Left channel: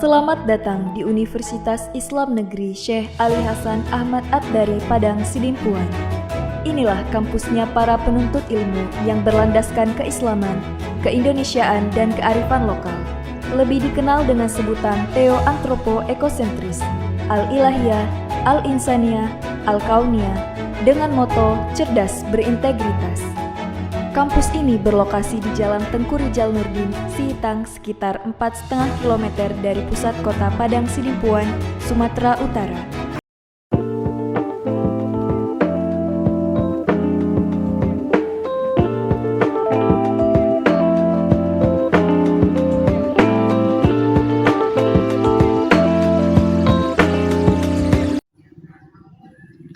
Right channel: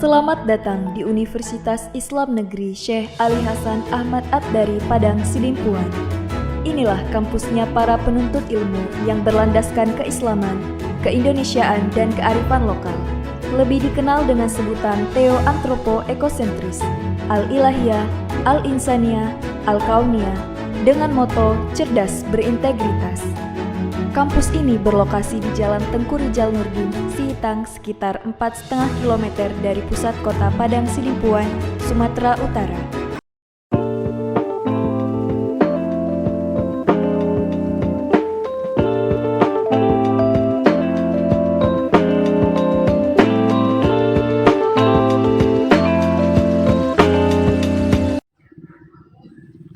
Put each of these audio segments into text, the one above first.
Selamat datang di Universitas Islam Negeri Syekh Ali Hasan Ahmad At-Dari Padang Sidimpuan. Inilah kampusnya para penuntut ilmu yang berlandaskan keislaman, keindonesiaan, dan kearifan lokal. Lebih dikenal dengan sebutan Theo-Antropo-Ekosentris, Al-Ilahiyah, Al-Insaniyah, Al-Kauniyah, dengan moto cerdas berintegritas. Kampus ini berlokasi di Jalan Tengku Rijal Nurdin, Sihitang, sekitar 4,5 km dari pusat kota Padang Sidimpuan, Sumatera Utara.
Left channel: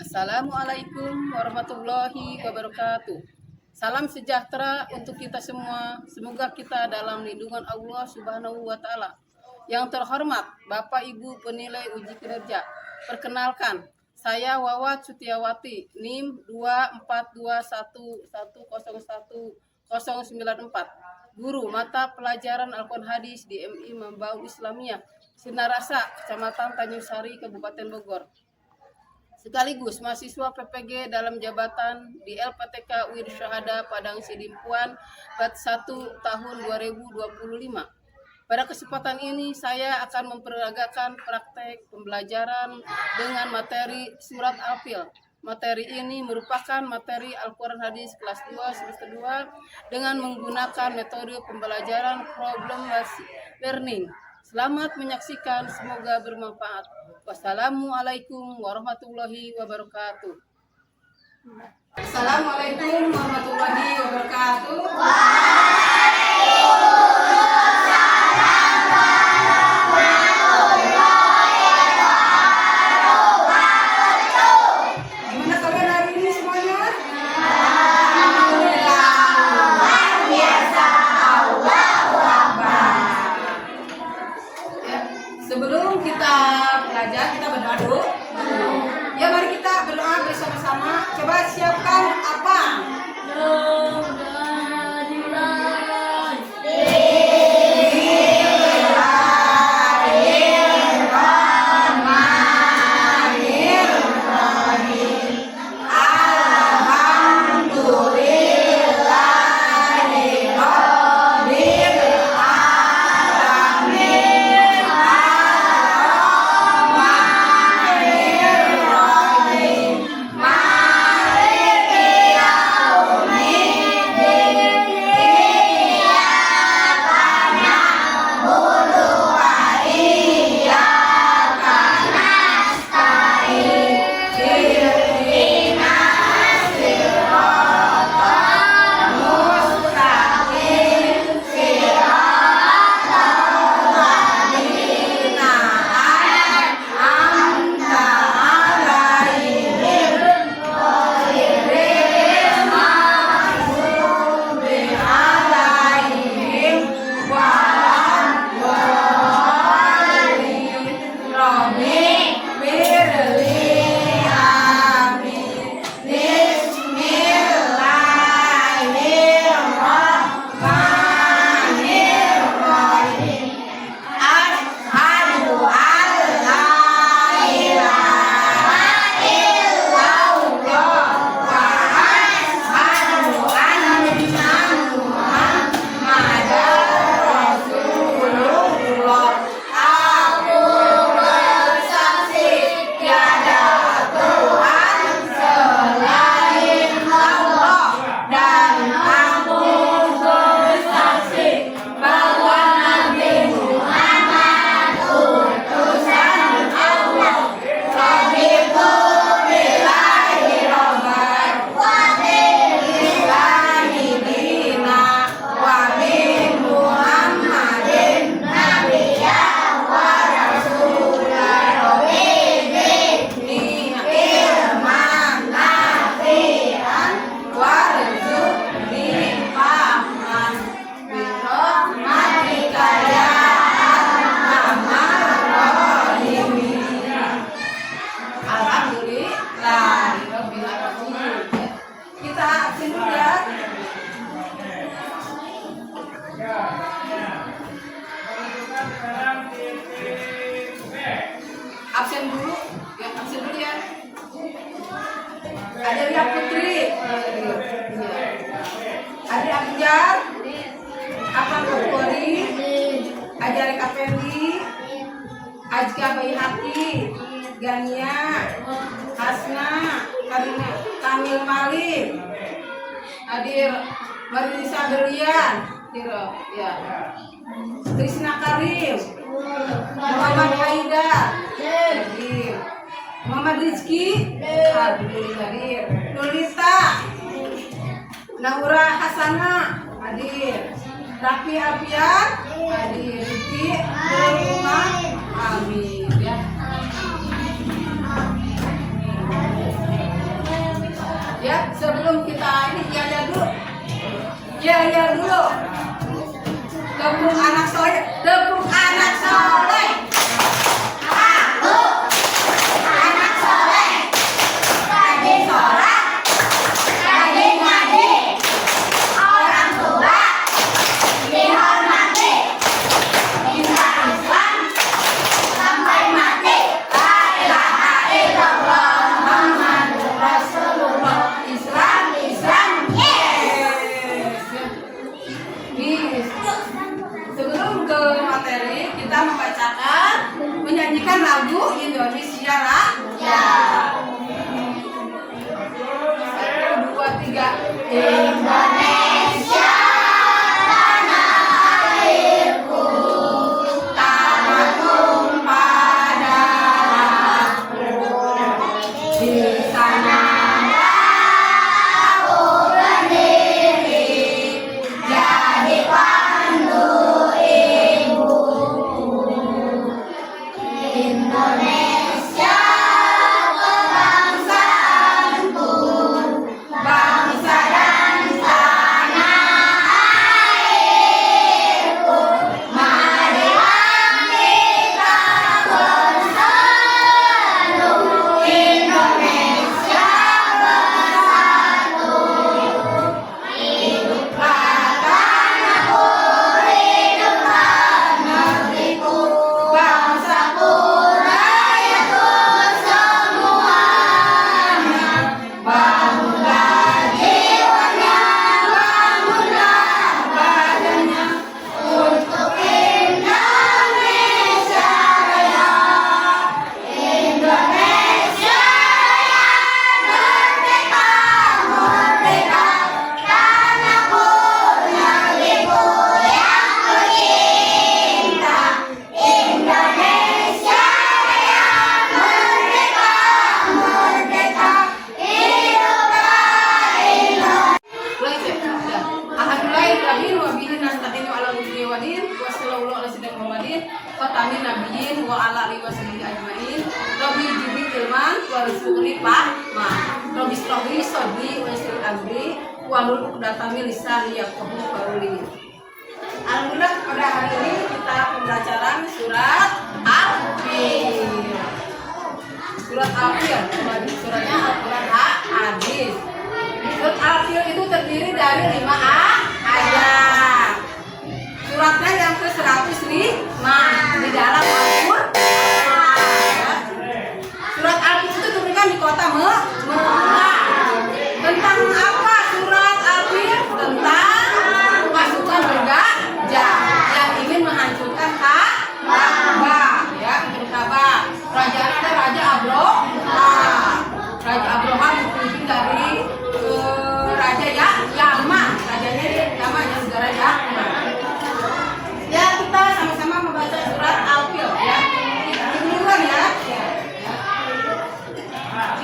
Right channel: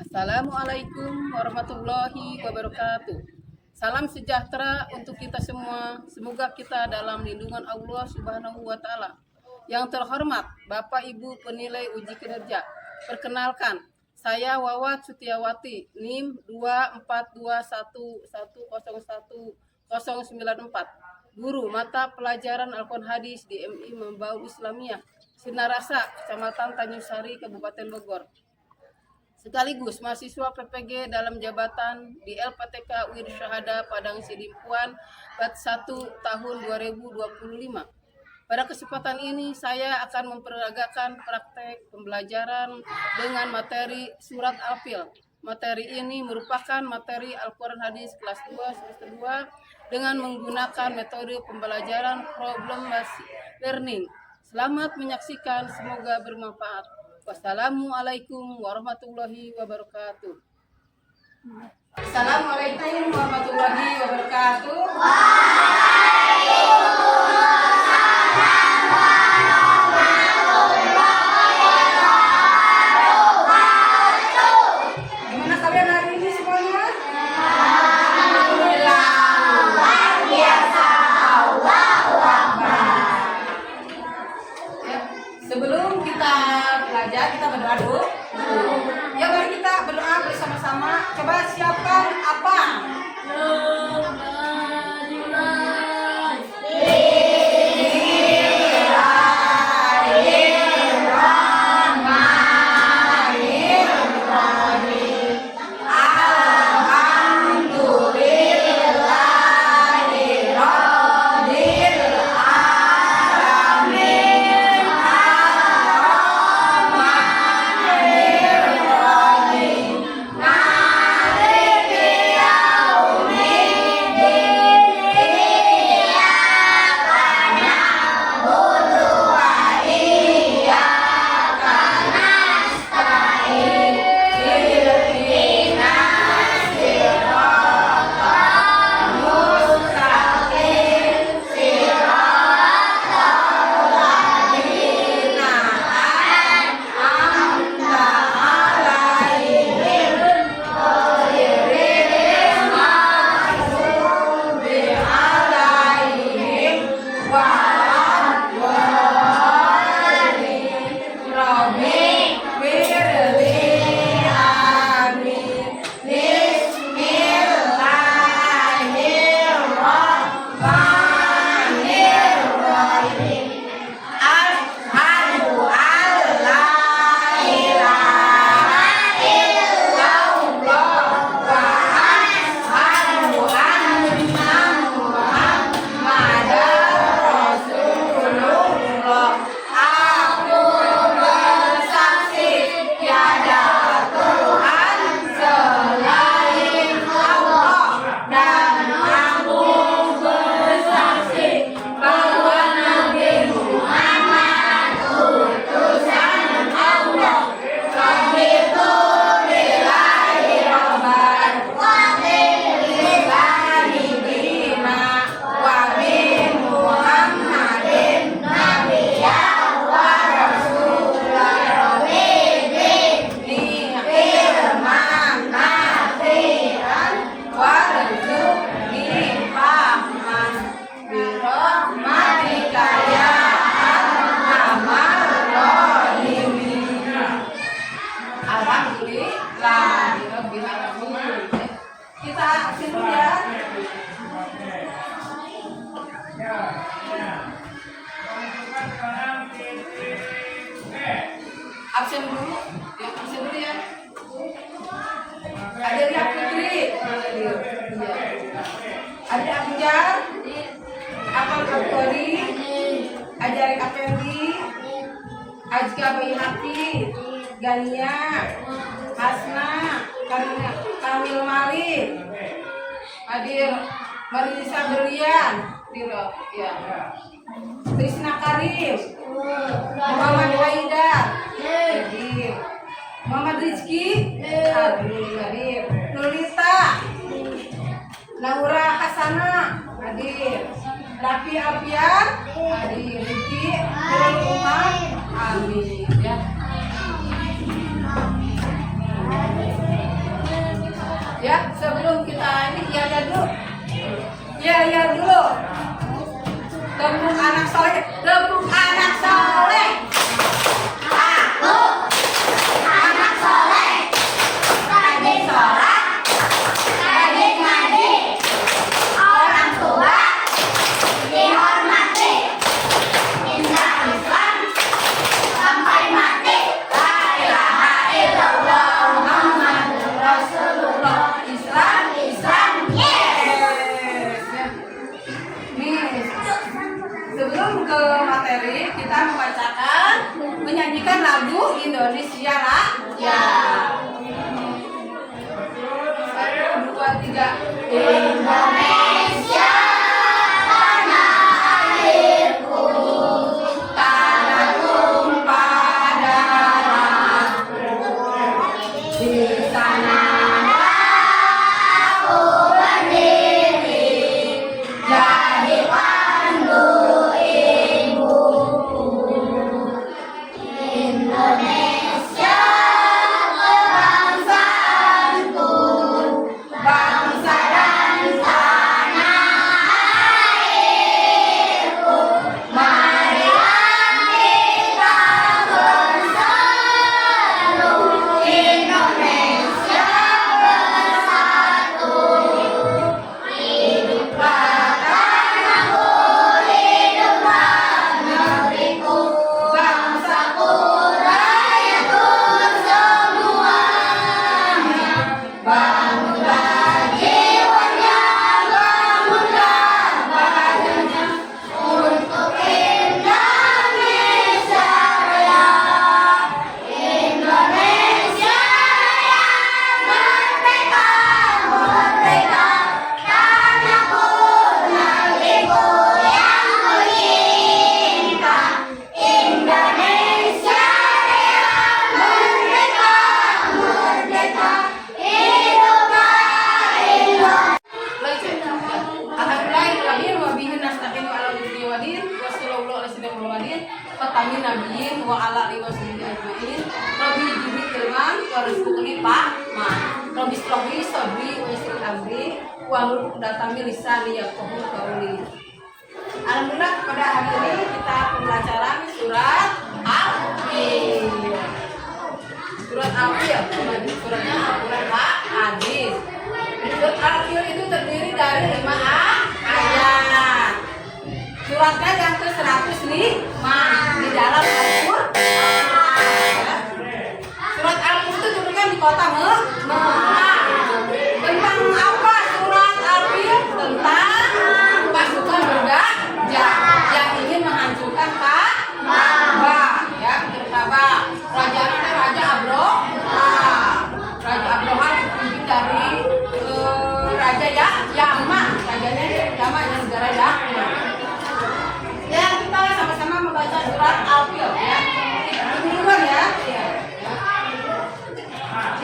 Assalamualaikum warahmatullahi wabarakatuh. Salam sejahtera untuk kita semua. Semoga kita dalam lindungan Allah Subhanahu wa Ta'ala. Yang terhormat Bapak Ibu penilai uji kinerja. Perkenalkan, saya Wawat Sutiawati, NIM 24211011094. Guru mata pelajaran Al-Quran Hadis di MI Mambaul Islamiyah, Sinarasa, Kecamatan Tanjung Sari, Kabupaten Bogor. Sekaligus mahasiswa PPG dalam jabatan di LPTK UIN Syahada Padang Sidimpuan Bat 1 tahun 2025. Pada kesempatan ini saya akan memperagakan praktek pembelajaran dengan materi surat Al-Fil. Materi ini merupakan materi Al-Quran Hadis kelas 2 semester 2 dengan menggunakan metode pembelajaran problem based learning. Selamat menyaksikan, semoga bermanfaat. Wassalamualaikum warahmatullahi wabarakatuh. Assalamualaikum warahmatullahi wabarakatuh. Gimana kalian hari ini semuanya? Alhamdulillah. Luar biasa. Allahu Akbar. Ya, sebelum kita belajar, kita berdoa dulu. Ya, mari kita berdoa bersama-sama. Coba siapkan apa? Adelia Putri, Ade Abjar, Apal Kapolri, Ajari Kapendi, Ajka Bayi Hati, Gania, Hasna, Kamil Malik, hadir Marisa Berlian, ya. Trisna Karim, Muhammad Haidar, hadir. Muhammad Rizki, hadir. Nulita, Naura Hasana, hadir. Rafi Apian, hadir. Riti, Umar, amin ya. Ya, sebelum kita ini ya dulu. Ya dulu. Tepuk anak soleh, tepuk anak soleh. Aku anak soleh. Rajin sholat, rajin ngaji. Orang tua dihormati. Indah Islam sampai mati. La ilaha illallah Muhammadur Rasulullah. Islam. Yes. Sebelum ke materi, kita menyanyikan lagu Indonesia Raya. 1, 2, 3. Indonesia tanah airku, tanah tumpah darahku. Di sana aku berdiri, jadi pandu ibuku. Indonesia kebangsaanku, bangsa dan tanah airku. Marilah kita bersatu, Indonesia bersatu. Hiduplah tanahku, hiduplah negeriku, bangsaku, rakyatku semuanya. Bangunlah jiwanya, bangunlah badannya, untuk Indonesia Raya. Indonesia Raya, merdeka, merdeka, tanahku, negeriku yang tercinta. Indonesia Raya, merdeka, merdeka, hiduplah Indonesia. Alhamdulillahirrahmanirrahim wa bihi nasta'inu ala umuri wa din wa sallallahu alaihi wasallam Muhammadin fatamin nabiyyin wa ala alihi wa sahbihi ajmain. Rabbi jibril ilman wa rizquni fahma. Rabbi shrahli sadri wa yassir amri wa hlul 'uqdatam min lisani yafqahu qawli. Alhamdulillah pada hari ini kita pembelajaran surat Al-Fil. Surat Al-Fil, suratnya Al-Quran Hadis. Surat Al-Fil itu terdiri dari 5 ayat. Suratnya yang ke-105 di dalam Al-Quran. Surat Al-Fil itu turunkan di kota Mekah. Tentang apa surat Al-Fil? Tentang pasukan bergajah yang ingin menghancurkan Ka'bah, ya, untuk Ka'bah. Rajanya ada Raja Abrohah. Raja Abrohah dipimpin dari Raja Yaman. Rajanya Yaman, negara Yaman. Ya, kita sama-sama membaca surat Al-Fil ya. Ibu duluan ya.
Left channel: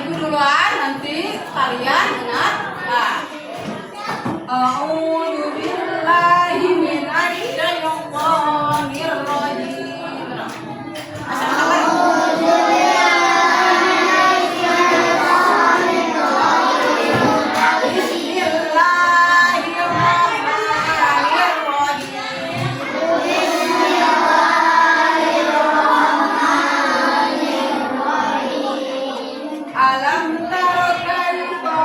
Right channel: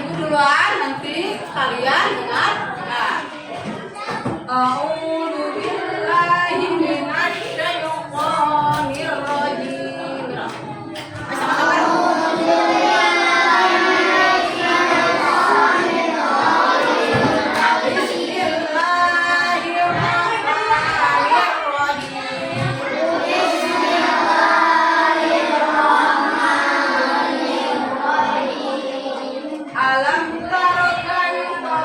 Ibu duluan, nanti kalian dengar. A'udzu billahi minasy syaithanir rajim. Alam tara kaifa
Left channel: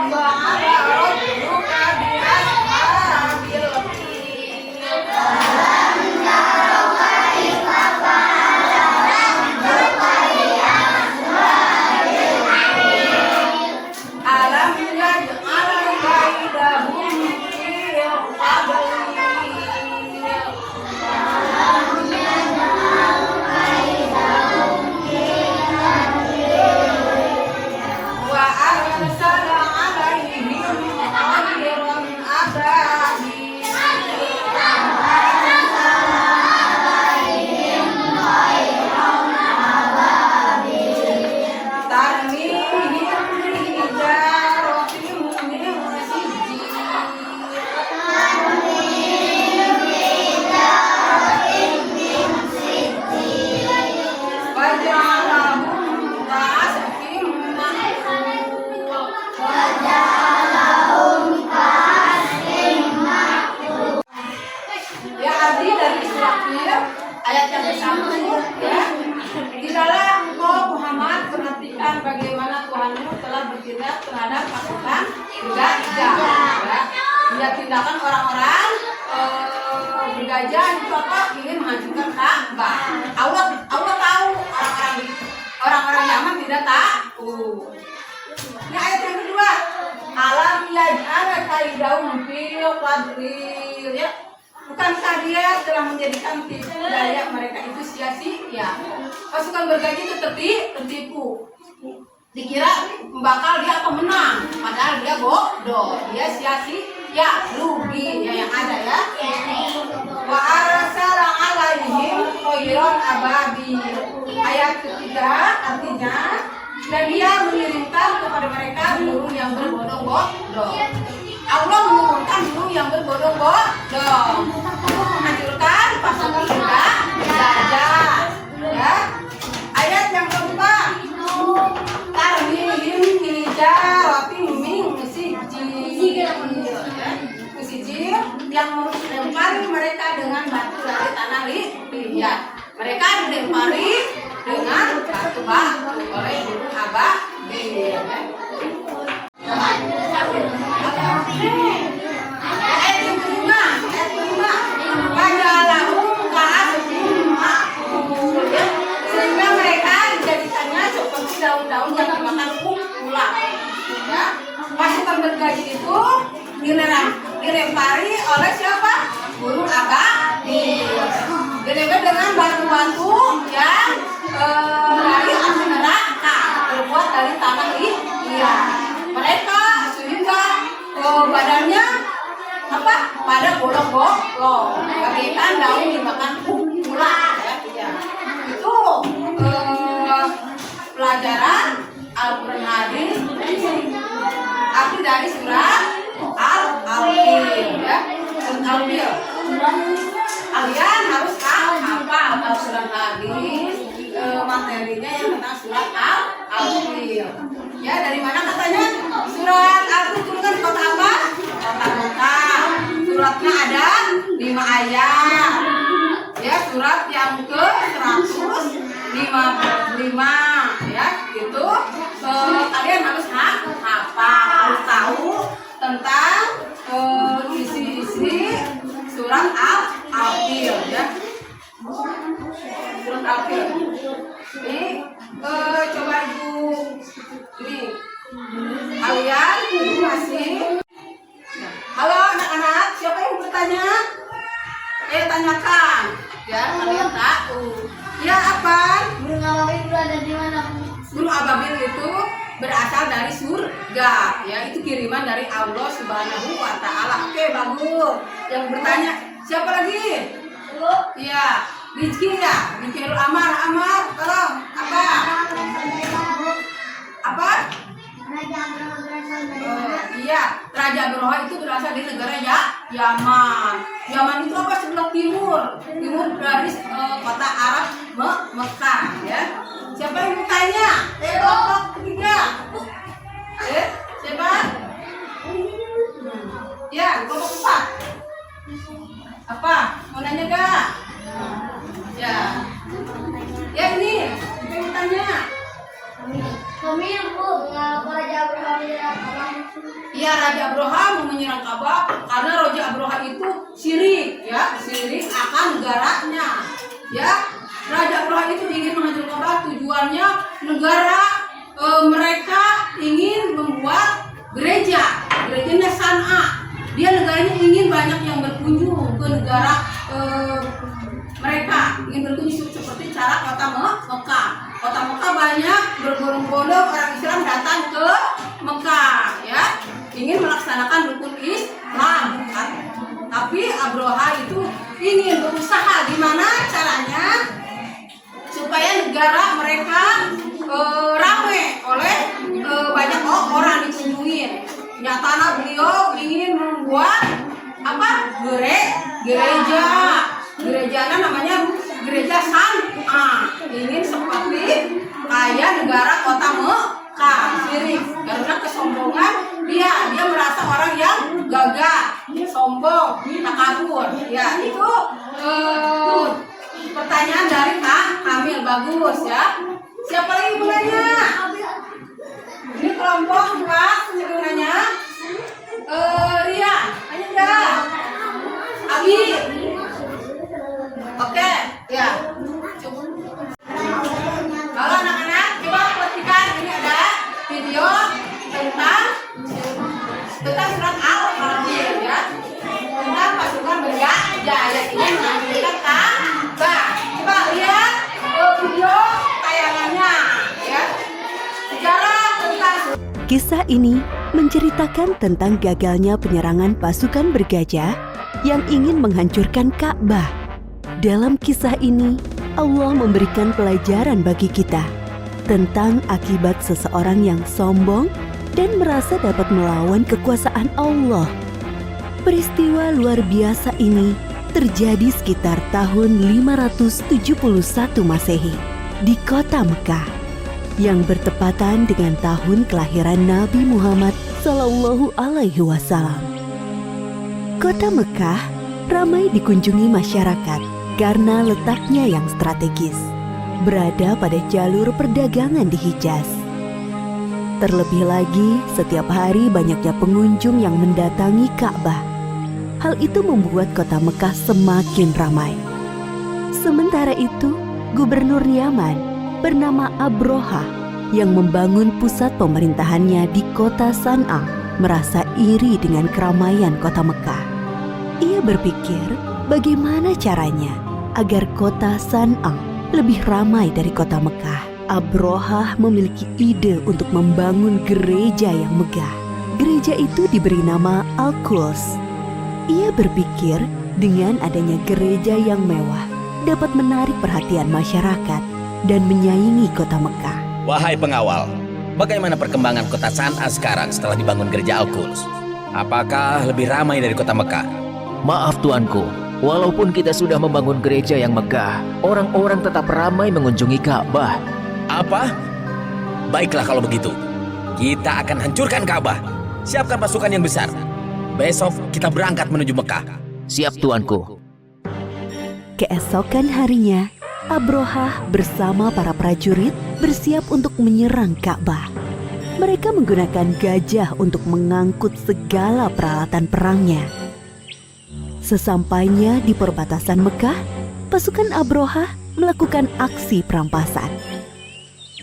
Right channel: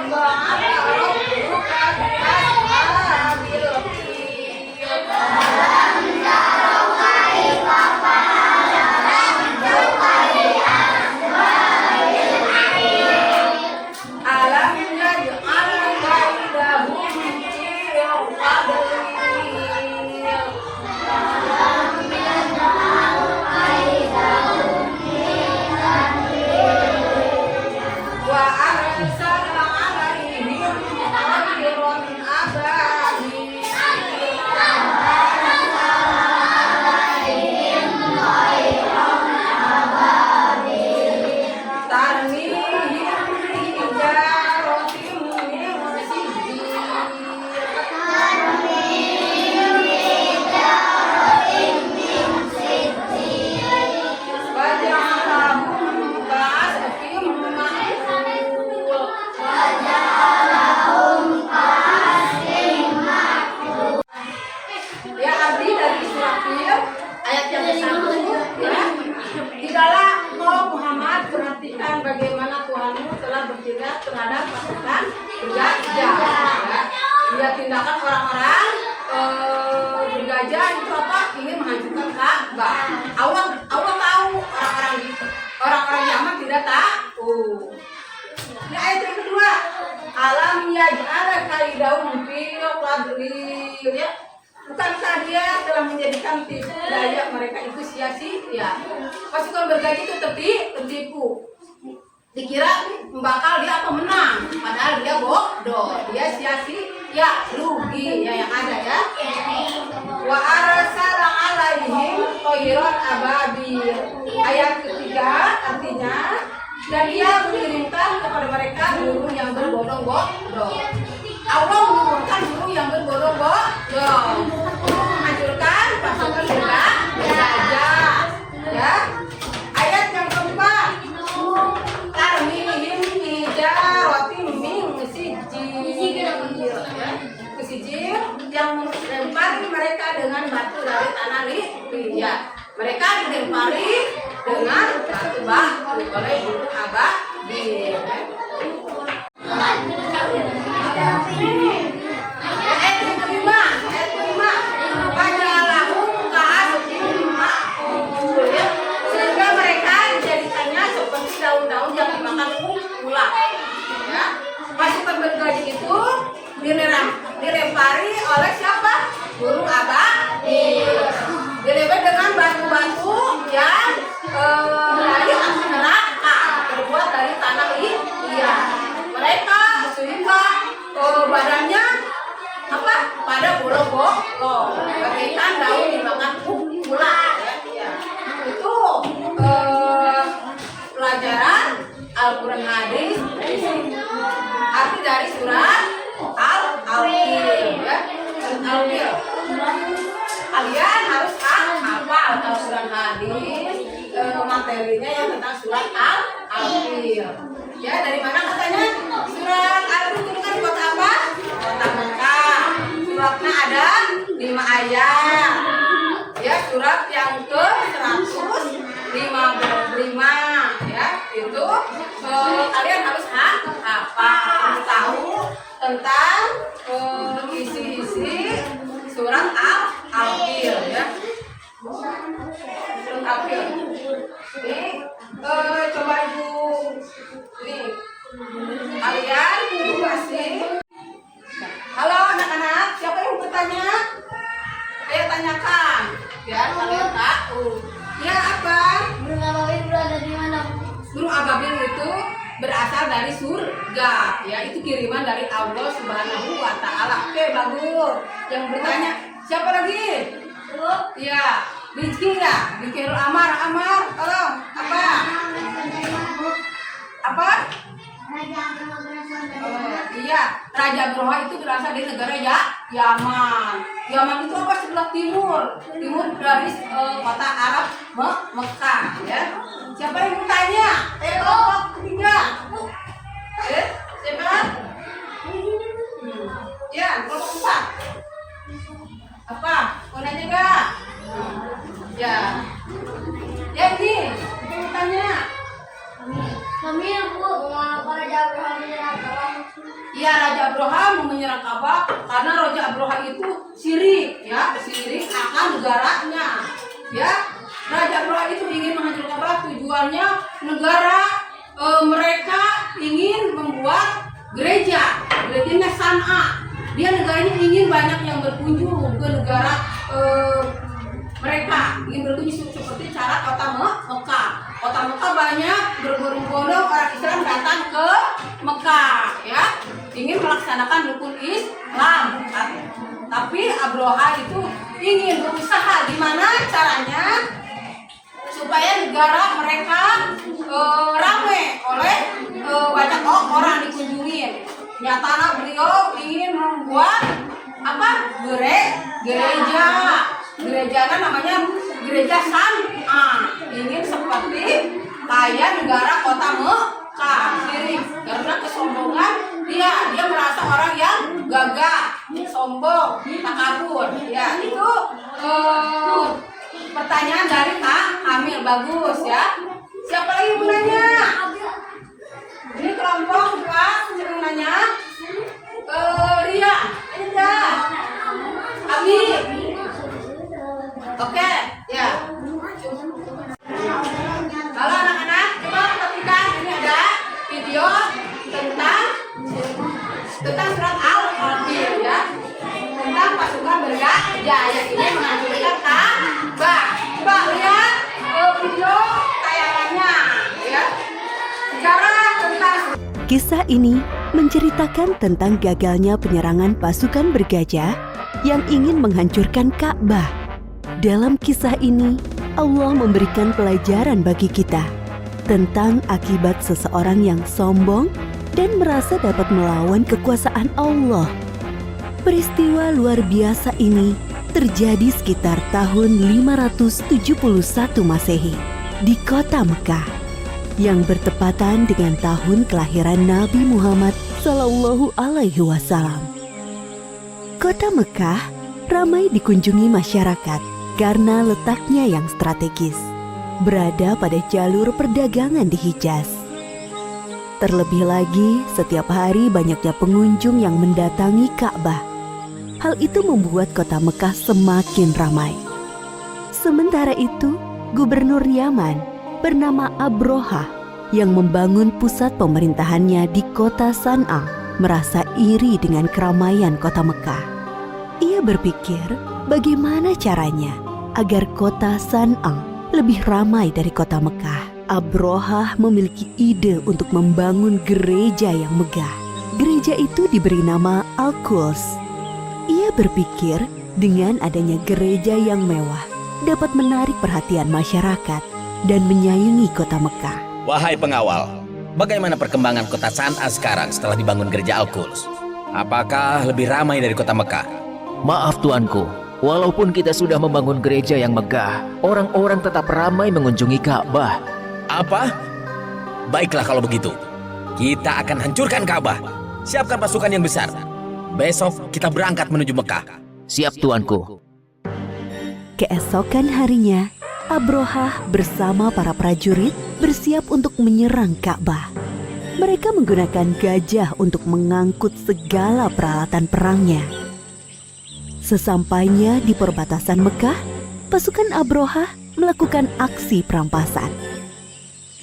ya terhadap pasukan bergajah. Ya. Dia tindakan orang-orang bergajah contoh ingin menghancurkan Ka'bah. Allah tahu, orang-orang Yaman tidak tahu. Nah, ayat yang kedua, alam yaj'al kaidahum fi qadril, ya. Bukankah dia telah menjadikan tipu daya mereka itu sia-sia? Pasukan bergajah itu tertipu. Dikira bakal dia apa menang, padahal dia bodoh, dia sia-sia, rugi ya yang ada ya. Wa arsala alaihim thayran ababil. Ayat ketiga artinya dan dia mengirimkan kepada mereka burung yang berbondong-bondong. Allah menurunkan burung yang berbondong-bondong untuk menghancurkan pasukan bergajah. Ya. Ayat yang keempat, tarmihim hijaratin min sijil, yang melempari mereka dengan batu dari tanah liat. Mereka dilempari dengan batu-batu oleh burung ababil. Ayat yang kelima, fajalahum ka'asfin ma'kul, ya. Sehingga mereka dijadikannya seperti daun-daun yang dimakan ular. Ya. Pasukan bergajah itu dilempari oleh siapa? Burung ababil. Dilempari dengan batu-batu yang dari api neraka, terbuat dari tanah liat. Mereka sehingga badannya apa? Pada bolong-bolong, bagaikan daun dimakan ular. Ya. Itu pelajaran Al-Quran hadis, arti dari surat Al-Fil, ya. Al-Fil. Kalian harus hafal Al-Quran hadis, materinya yang tentang surat Al-Fil. Ya, dari mana katanya? Surat Al-Fil itu kan di kota apa? Kota Mekah. Suratnya ada 5 ayat. Ya, surat yang ke-155 ya. Itu kalian harus hafal, harus tahu tentang isi-isi surat Al-Fil ya. Surat Al-Fil. Ini coba Ibu ini kalian masih. Halo anak-anak, siapa yang bertanya? Ayo tanyakan ya, kalian tahu. Ya apa? Burung ababil berada di mana? Burung ababil itu berasal dari surga, ya, itu kiriman dari Allah Subhanahu wa taala. Oke, bagus. Yang bertanya, siapa lagi? Ya, Rizky ya, Rizky Amar, tolong. Apa? Apa? Raja Abraha berasal dari mana? Iya, Raja Abraha itu berasal dari negara Yaman. Yaman itu apa? Sebelah timur dari kota Arab Mekah, ya. Siapa yang bertanya? Kelompok ketiga. Siapa? Ya, kelompok 4. Apa? Mau nanya gak? Ya. Ya ini, siapa yang bertanya? Kami Bu, mengapa Raja Abraha menyerang Ka'bah? Ya, Raja Abraha mau menyerang Ka'bah karena Raja Abraha itu syirik, ya, syirik akan negaranya. Ya, Raja Abraha itu ingin menghancurkan Ka'bah, tujuannya negara mereka ingin membuat gerejanya San'a. Dia negaranya ingin banyak yang berkunjung ke negara mereka, ingin berkunjung seperti cara kota Mekah. Kota Mekah banyak berbondong-bondong orang Islam datang ke Mekah, ya, ingin melaksanakan rukun Islam. Tapi Abraha itu ingin berusaha gimana caranya supaya negara mereka ramai oleh banyak orang dikunjungin. Nyatanya beliau ingin membuat apa? Gerejanya namanya gereja San'a. Ingin seperti kayak negara kota Mekah, syirik. Karena kesombongan dia merasa orang yang gagah, sombong, takabur. Ya, itu pertanyaan dari Kak Kamil, bagus ya. Siapa lagi mau nanya? Ini kelompok 2. Hidayat ini menunjukkan Ka'bah. Pak lihat video tayangannya ya. Sejarah tentang Kisah ini menceritakan tentang gagalnya penyerangan pasukan bergajah yang ingin menghancurkan Ka'bah. Dalam kisah ini, Allah memberikan pelajaran bagi kita tentang akibat seseorang yang sombong dan merasa dapat melawan kekuasaan Allah. Peristiwa luar biasa ini terjadi sekitar tahun 571 Masehi di kota Mekah yang bertepatan dengan tahun kelahiran Nabi Muhammad Sallallahu Alaihi Wasallam. Kota Mekah ramai dikunjungi masyarakat karena letaknya yang strategis, berada pada jalur perdagangan di Hijaz. Terlebih lagi, setiap hari banyaknya pengunjung yang mendatangi Ka'bah. Hal itu membuat kota Mekah semakin ramai. Sementara itu, Gubernur Yaman bernama Abrohah yang membangun pusat pemerintahannya di kota San'a merasa iri dengan keramaian kota Mekah. Ia berpikir bagaimana caranya agar kota San'a lebih ramai dari kota Mekah. Abrohah memiliki ide untuk membangun gereja yang megah. Gereja itu diberi nama Al-Quds. Ia berpikir dengan adanya gereja yang mewah dapat menarik perhatian masyarakat dan menyaingi kota Mekah. Wahai pengawal, bagaimana perkembangan kota San'a sekarang setelah dibangun gereja Al-Quds? Apakah lebih ramai dari kota Mekah? Maaf tuanku, walaupun kita sudah membangun gereja yang megah, orang-orang tetap ramai mengunjungi Ka'bah. Apa? Baiklah kalau begitu. Kita akan hancurkan Ka'bah. Siapkan pasukan yang besar. Besok kita berangkat menuju Mekah. Siap tuanku. Keesokan harinya, Abrohah bersama para prajurit bersiap untuk menyerang Ka'bah. Mereka menggunakan gajah untuk mengangkut segala peralatan perangnya. Sesampainya di perbatasan Mekah, pasukan Abrohah melakukan aksi perampasan.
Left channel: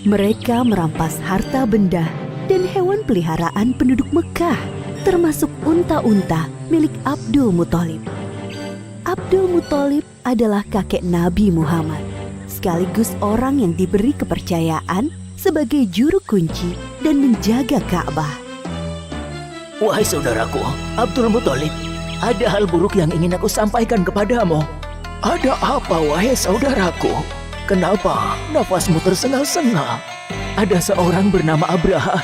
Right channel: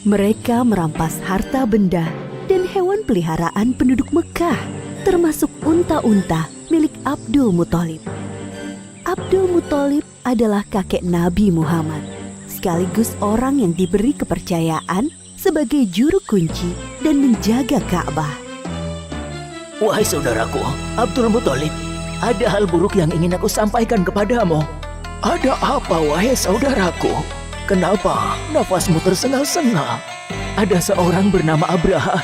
Mereka merampas harta benda dan hewan peliharaan penduduk Mekah, termasuk unta-unta milik Abdul Muthalib. Abdul Muthalib adalah kakek Nabi Muhammad, sekaligus orang yang diberi kepercayaan sebagai juru kunci dan menjaga Ka'bah. Wahai saudaraku, Abdul Muthalib, ada hal buruk yang ingin aku sampaikan kepadamu. Ada apa, wahai saudaraku? Kenapa nafasmu tersengal-sengal? Ada seorang bernama Abraha.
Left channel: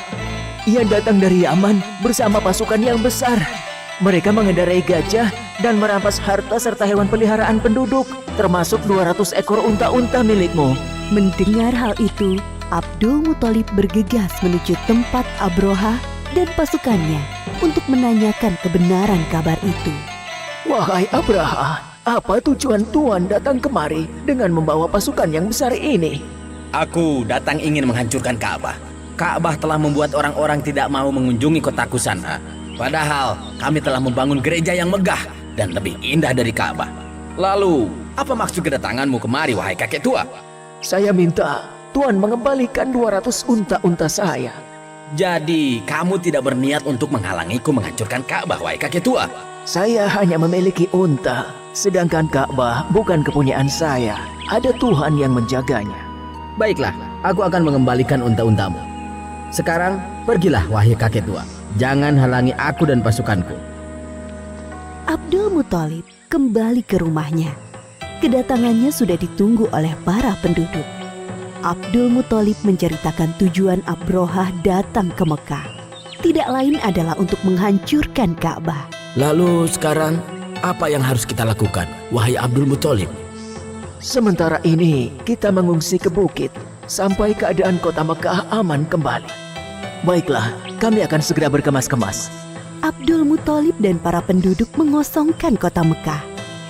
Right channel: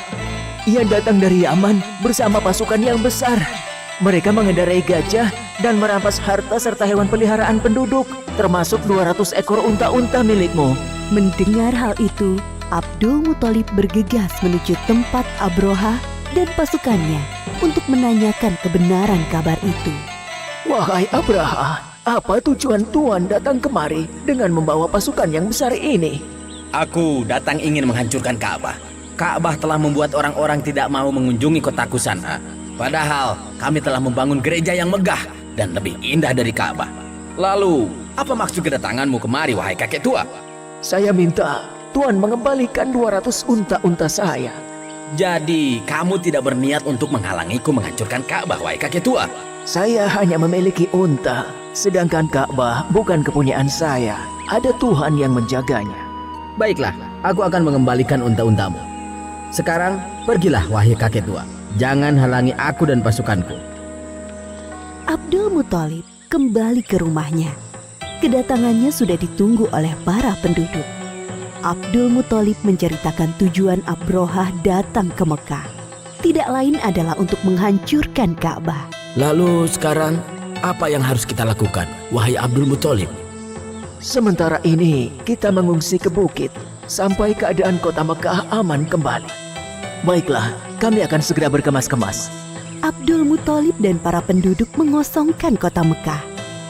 Ia datang dari Yaman bersama pasukan yang besar. Mereka mengendarai gajah dan merampas harta serta hewan peliharaan penduduk, termasuk 200 ekor unta-unta milikmu. Mendengar hal itu, Abdul Muthalib bergegas menuju tempat Abrohah dan pasukannya untuk menanyakan kebenaran kabar itu. Wahai Abraha, apa tujuan Tuan datang kemari dengan membawa pasukan yang besar ini? Aku datang ingin menghancurkan Ka'bah. Ka'bah telah membuat orang-orang tidak mau mengunjungi kotaku San'a. Padahal kami telah membangun gereja yang megah dan lebih indah dari Ka'bah. Lalu, apa maksud kedatanganmu kemari, wahai kakek tua? Saya minta Tuan mengembalikan 200 unta-unta saya. Jadi, kamu tidak berniat untuk menghalangiku menghancurkan Ka'bah, wahai kakek tua? Saya hanya memiliki unta, sedangkan Ka'bah bukan kepunyaan saya. Ada Tuhan yang menjaganya. Baiklah, aku akan mengembalikan unta-untamu. Sekarang, pergilah wahai kakek tua. Jangan halangi aku dan pasukanku. Abdul Muthalib kembali ke rumahnya. Kedatangannya sudah ditunggu oleh para penduduk. Abdul Muthalib menceritakan tujuan Abrohah datang ke Mekah. Tidak lain adalah untuk menghancurkan Ka'bah. Lalu sekarang, apa yang harus kita lakukan, wahai Abdul Muthalib? Sementara ini, kita mengungsi ke bukit sampai keadaan kota Mekah aman kembali. Baiklah, kami akan segera berkemas-kemas. Abdul Muthalib dan para penduduk mengosongkan kota Mekah.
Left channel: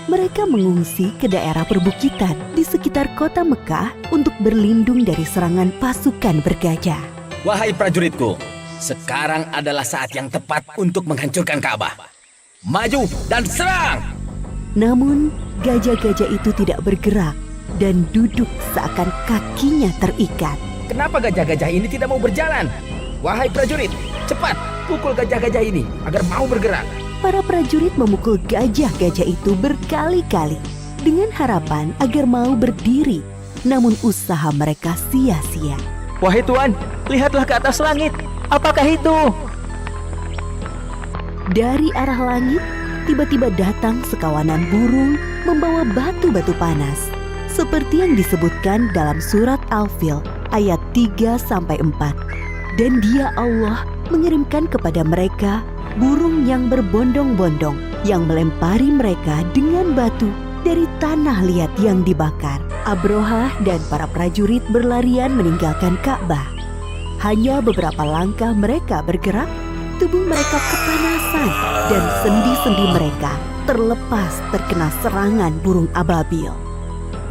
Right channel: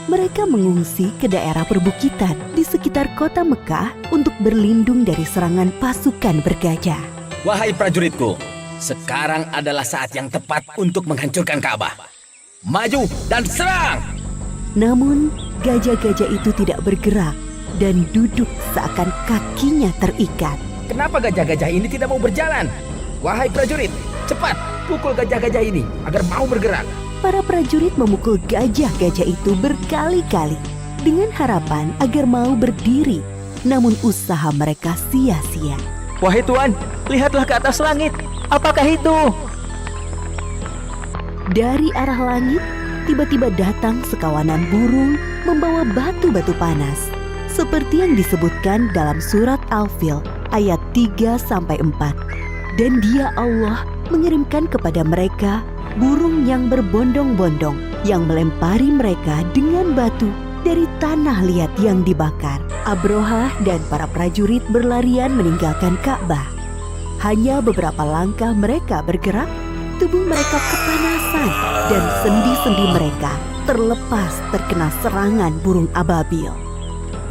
Mereka mengungsi ke daerah perbukitan di sekitar kota Mekah untuk berlindung dari serangan pasukan bergajah. Wahai prajuritku, sekarang adalah saat yang tepat untuk menghancurkan Ka'bah. Maju dan serang! Namun, gajah-gajah itu tidak bergerak dan duduk seakan kakinya terikat. Kenapa gajah-gajah ini tidak mau berjalan? Wahai prajurit, cepat pukul gajah-gajah ini agar mau bergerak. para prajurit memukul gajah-gajah itu berkali-kali dengan harapan agar mau berdiri. Namun usaha mereka sia-sia. Wahai Tuan, lihatlah ke atas langit. Apakah itu? Dari arah langit, tiba-tiba datang sekawanan burung membawa batu-batu panas. Seperti yang disebutkan dalam surat Al-Fil ayat 3-4. Dan Dia Allah mengirimkan kepada mereka burung yang berbondong-bondong yang melempari mereka dengan batu dari tanah liat yang dibakar. Abrohah dan para prajurit berlarian meninggalkan Ka'bah. Hanya beberapa langkah mereka bergerak, tubuh mereka kepanasan dan sendi-sendi mereka terlepas terkena serangan burung ababil.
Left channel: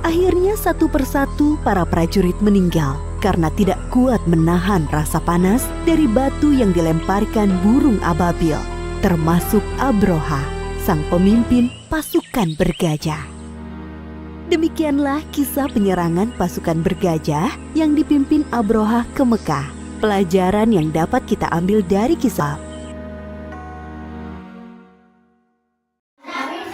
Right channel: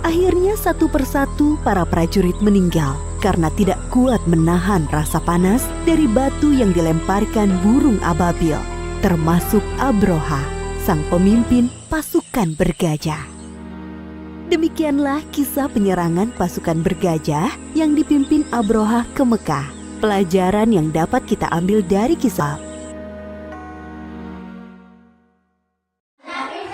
Akhirnya satu persatu para prajurit meninggal karena tidak kuat menahan rasa panas dari batu yang dilemparkan burung ababil, termasuk Abrohah, sang pemimpin pasukan bergajah. Demikianlah kisah penyerangan pasukan bergajah yang dipimpin Abrohah ke Mekah. Pelajaran yang dapat kita ambil dari kisah.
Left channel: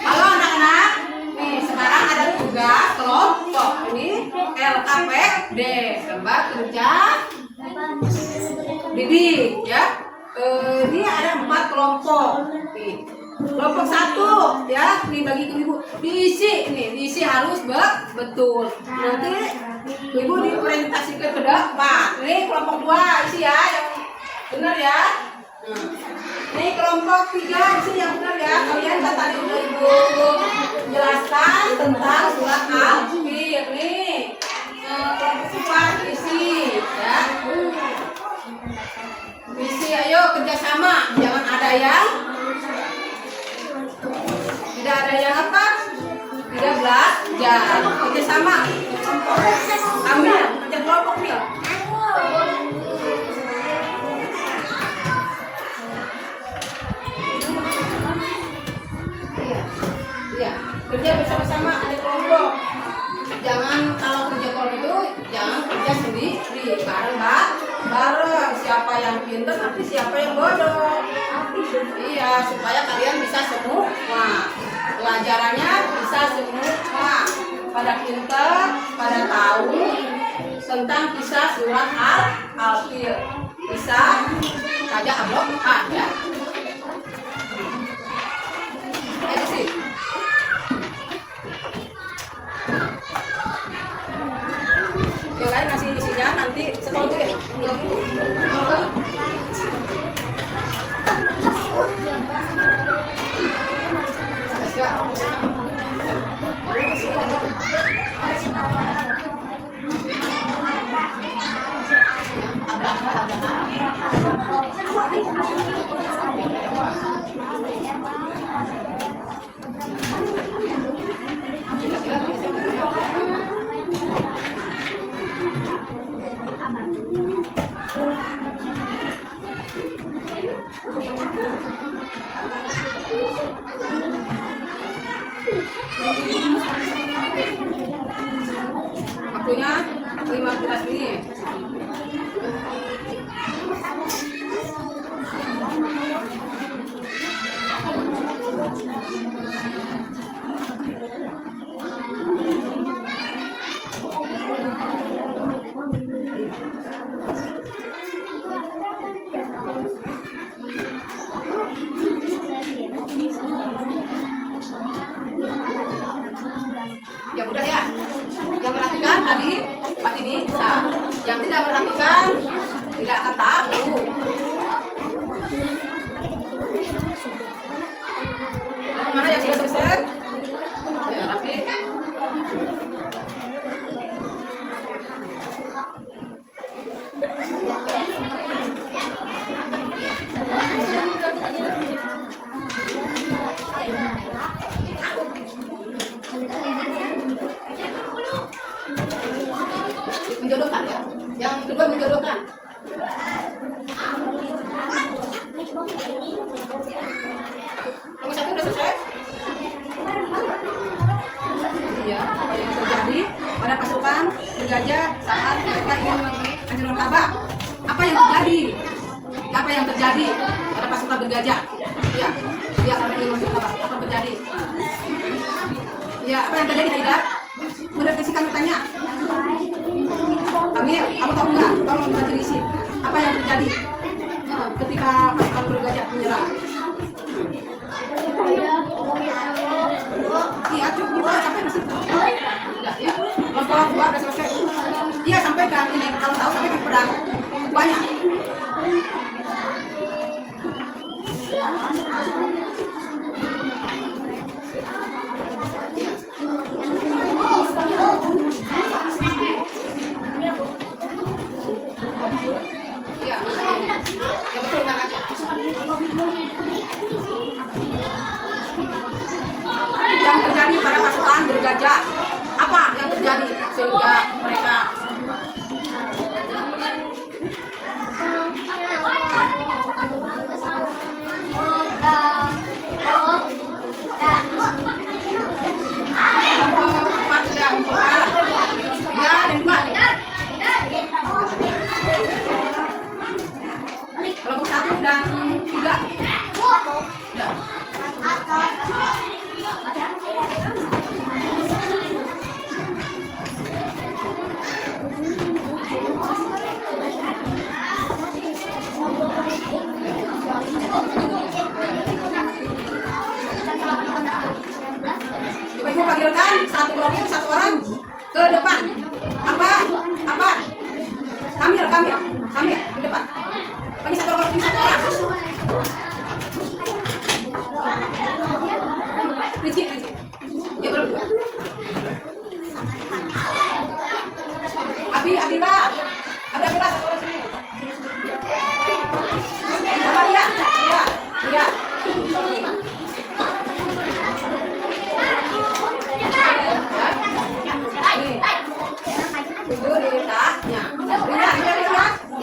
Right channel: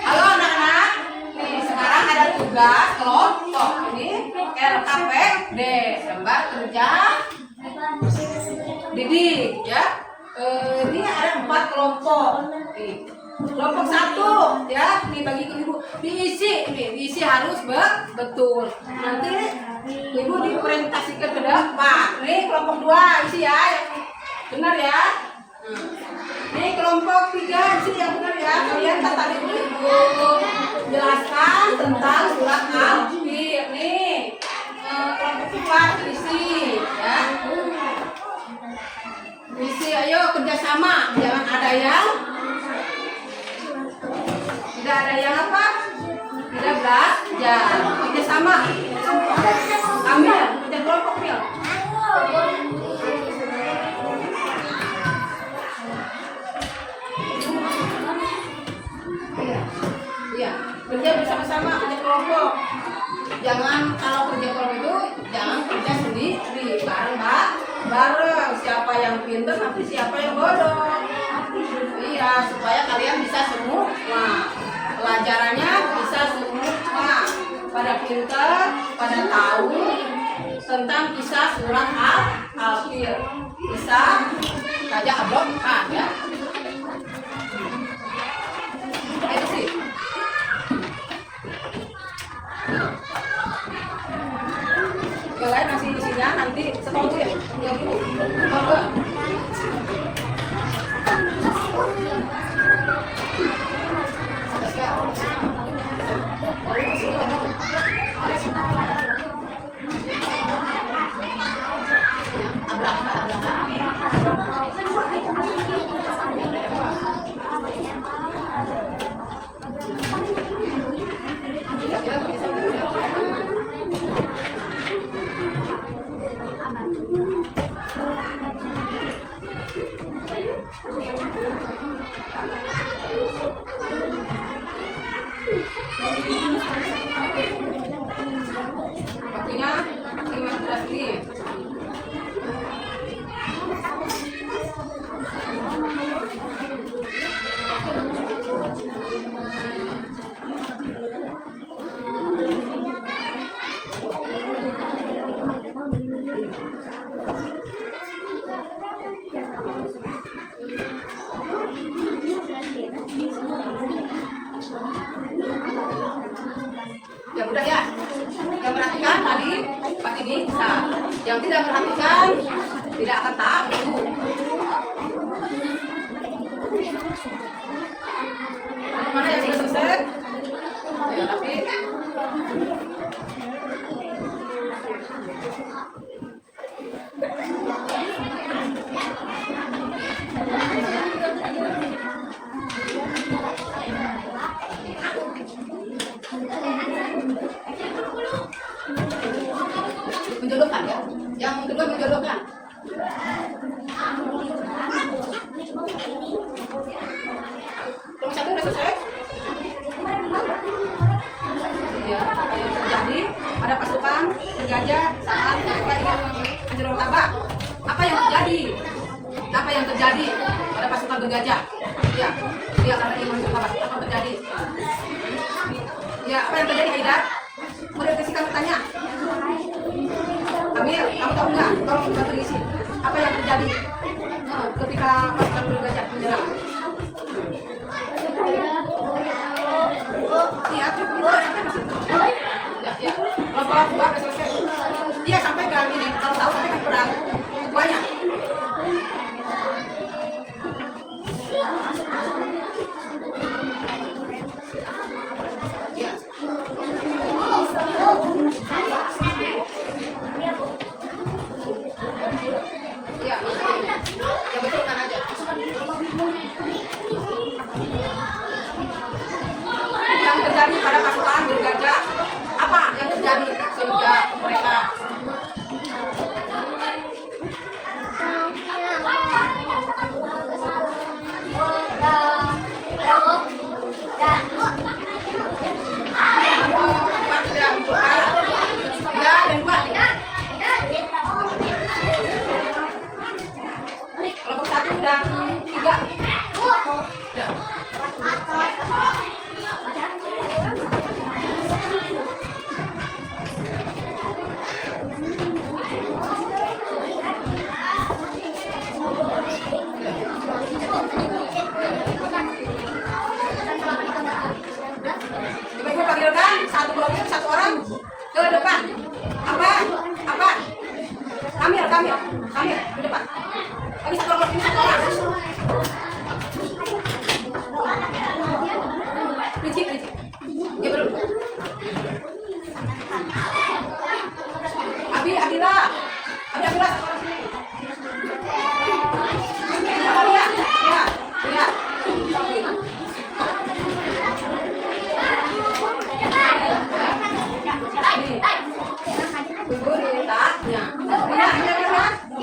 Halo anak-anak, nih sekarang ada tugas kelompok ini LKPD, lembar kerja didik ya. Ini ada 4 kelompok. Nih, kelompok 1 ya, nih bagi ke ibu diisi harus betul. Nanti ibu dipresentasikan ke depan. Ini kelompok 2 isi ya, yang benar ya. Ini kelompok 3 isi yang benar ya. Kalian kan tadi udah ibu jelaskan tentang surat Al-Fil. Nih kelompok 4 isi ya. Isi, ayo kerjasama, jangan ada yang tidak ada yang apa? Tidak belajar. Kerjasama. Ambil, kerja kelompok Mil. Iya, kerja bersama-sama, kerja kelompok. Jangan kalau kerja kelompok itu jangan kerja sendiri, bareng. Siapa yang pintar nanti siapa yang bodoh. Iya, supaya kalian bisa semua. Pelajarannya bisa semua. Pada pintar, pada tahu tentang kisah surat Al-Fil. Bisa saja Abrohah ya. Ayo sih. Yang lain masih isinya nanti sekolah dulu ya. Waktunya 15 menit. Ya udah ya. Yang perhatikan tadi Pak ini bisa. Yang tidak perhatikan tidak akan tahu. Mana yang sudah selesai? Ya, Rafi. Menjodohkan ya. Yang kedua menjodohkan. Nomor 1 udah selesai? Iya, apa yang terjadi pada pasukan bergajah saat mereka ingin menghancurkan Ka'bah? Apa yang terjadi? Apa yang terjadi pada pasukan bergajah? Ya. Ya, karena iman berkabah. Apa terjadi? Ya, apa yang terjadi, Aida? Merevisi kami tanya. Kamil, kamu tahu nggak? Tolong bantu isi. Apa yang terjadi ketika pasukan bergajah menyerang? Iya, cukup gitu sampai di situ. Ya. Kelompok dua udah selesai. Iya, sampai ke ini. Kalau tahu sampai ke perang. Banyak. Ya, yang betul tenang aja. Yang terjadi pada pasukan bergajah, apa yang terjadi sehingga mereka kelompok 1 dan 3. Ibu panggilkan satu kelompok satu orang ke depan. Apa? Kamil ke depan. Kami satu kelompok satu orang. Kunci. Ya belum. Abdillah satu orang sini. Amalia, ya.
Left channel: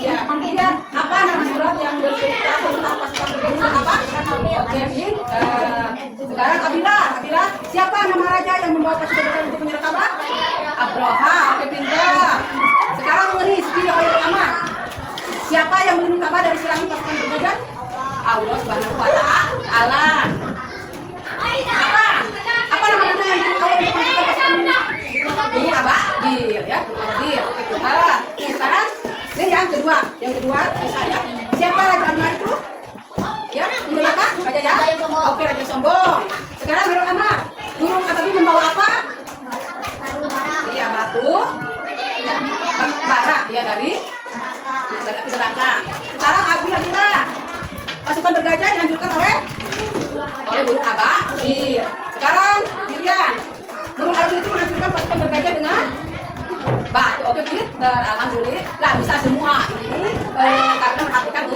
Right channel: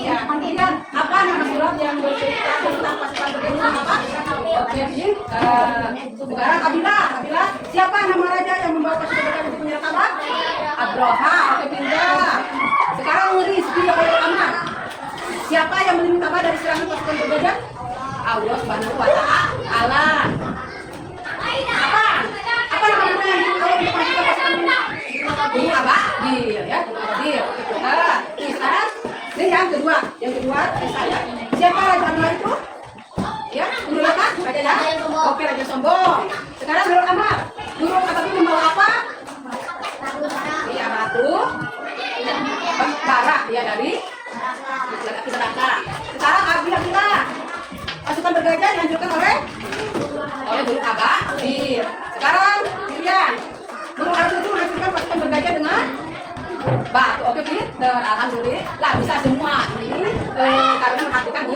Ya, kemudian apa nama surat yang bercerita tentang pasukan bergabung apa? Oke, sekarang Abdillah, siapa nama raja yang membawa pasukan bergabung untuk menyerang Ka'bah? Abroha, oke pintar. Sekarang Muris, video yang pertama. Siapa yang melindungi Ka'bah dari serangan pasukan bergajah? Allah Subhanahu wa Ta'ala. Apa nama Allah yang Allah untuk pasukan ini Ababil, ya, Ababil. Oke, pintar. Sekarang dan yang kedua saya. Siapa Raja Anwar itu? Ya, menggunakan Raja ya? Oke, Raja Sombong. Sekarang Huruf Amar. Huruf Ababil membawa apa? Iya, batu. Bara, ya dari neraka. Sekarang Abdillah. Pasukan bergajah dihancurkan oleh Huruf Ababil. Sekarang Miriam. Huruf Ababil itu menghancurkan pasukan bergajah dengan batu. Oke, pinter. Alhamdulillah bisa semua ini karena menghatikan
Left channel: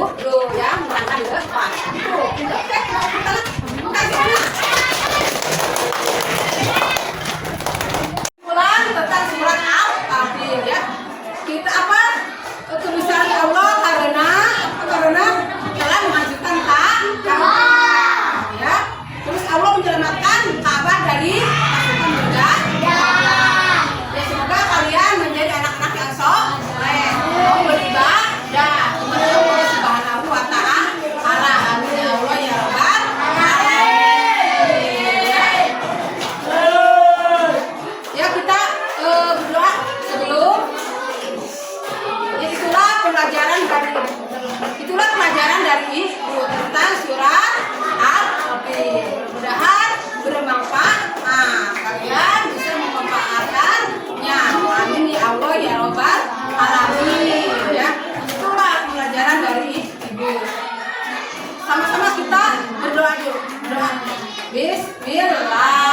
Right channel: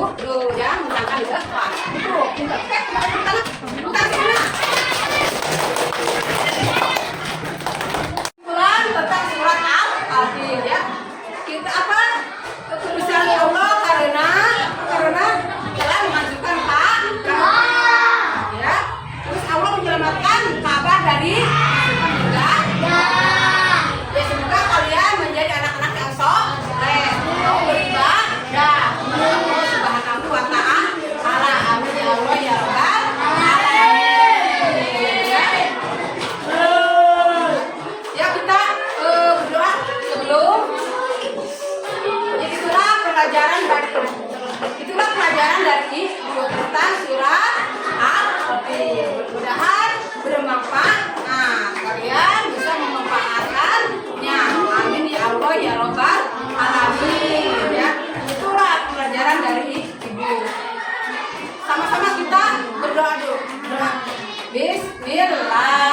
yang merangkak di depan. Itu pinter. Oke, kita sana. Pulang tentang surat Al-Fatih, ya. Kita apa? Kebesaran Allah karena telah menghancurkan Ka'bah, ya. Terus Allah menyelamatkan Ka'bah dari pasukan bergajah. Ya, semoga kalian menjadi anak-anak yang soleh, beribadah kepada Allah Subhanahu wa Ta'ala. Amin ya Allah ya Rabbal alamin. Ya, kita berdoa sebelum. Ya, itulah pelajaran dari Ibu tentang surat Al-Fatih. Mudah-mudahan bermanfaat. Nah, kalian bisa memanfaatkannya. Amin ya Allah ya Rabbal alamin, ya. Itulah pelajaran dari Ibu. Sama-sama kita berdoa dulu. Bismillah.